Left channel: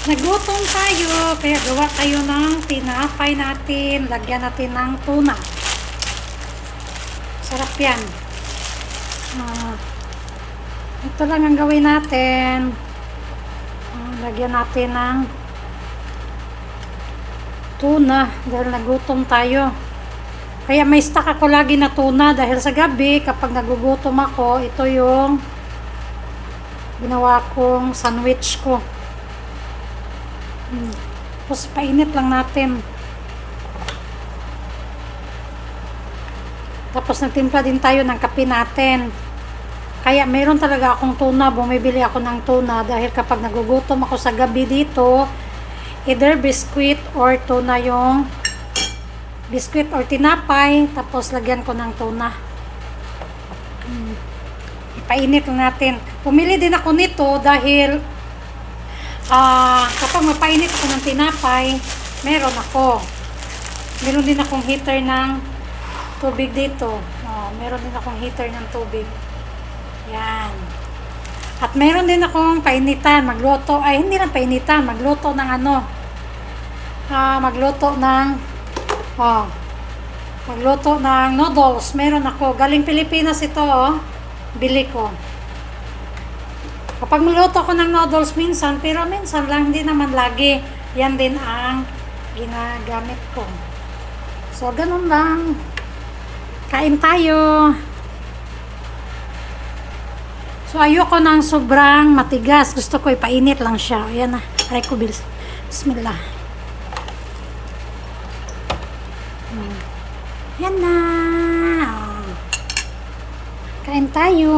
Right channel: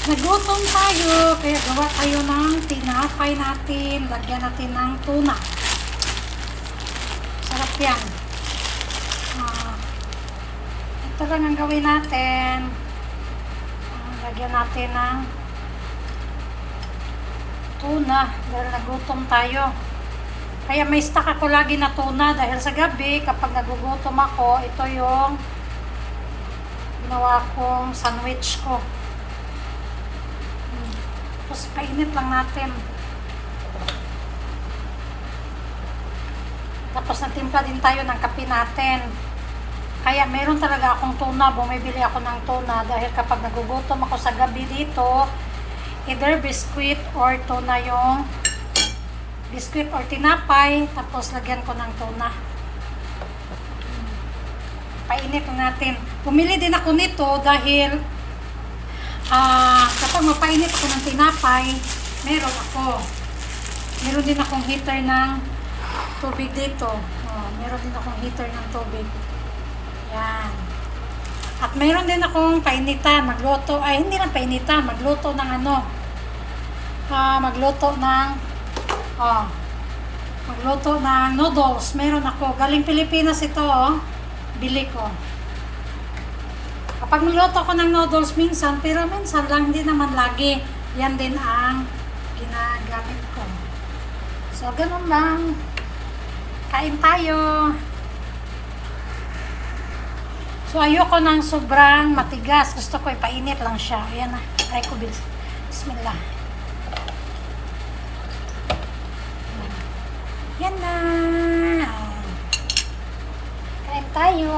Nagutom tayo, kaya gawa kayo ng tinapay natin. Lagyan natin ng tuna. Sarap yan. Ah, ito lang ang gawin natin. Lagyan natin ng tuna dahil nagutom tayo. Kaya may stock ako lagi na tuna dahil sa gabi kapag nagugutom ako, ito yung ginawa kong sandwich ko. Tapos painit lang natin. Tapos nagtimpla din tayo ng kape natin. Kaya meron talaga akong tuna, bumibili ako ng tuna dahil kapag nagugutom ako sa gabi dito, either biscuit or tuna yung biscuit or tinapay, tapos lagyan ko ng tuna. Hmm. Ipainit natin. Pumili din ako nito dahil ah kapag mapainit ako ng tinapay, meron ako. Meron din akong heater ng tubig dito. Oh, meron din akong heater ng tubig. Yan. At meron din akong painitan, magluto. Ay, hindi lang painitan, magluto ng ano. Ah, magluto ng oh, magluto ng noodles. Meron ako. Galing Pilipinas ito, oh. Bili ko. Kapag magluto ko ng noodles minsan, pero minsan lang, hindi naman lagi. Yan din ang ginagamit ko. So, ganun lang. Kain tayo. So, ayoko ng sobrang matigas. Gusto ko ipainit lang siya. Ayan na. Try ko, Bill. Bismillah. Yan na. Kain tayo.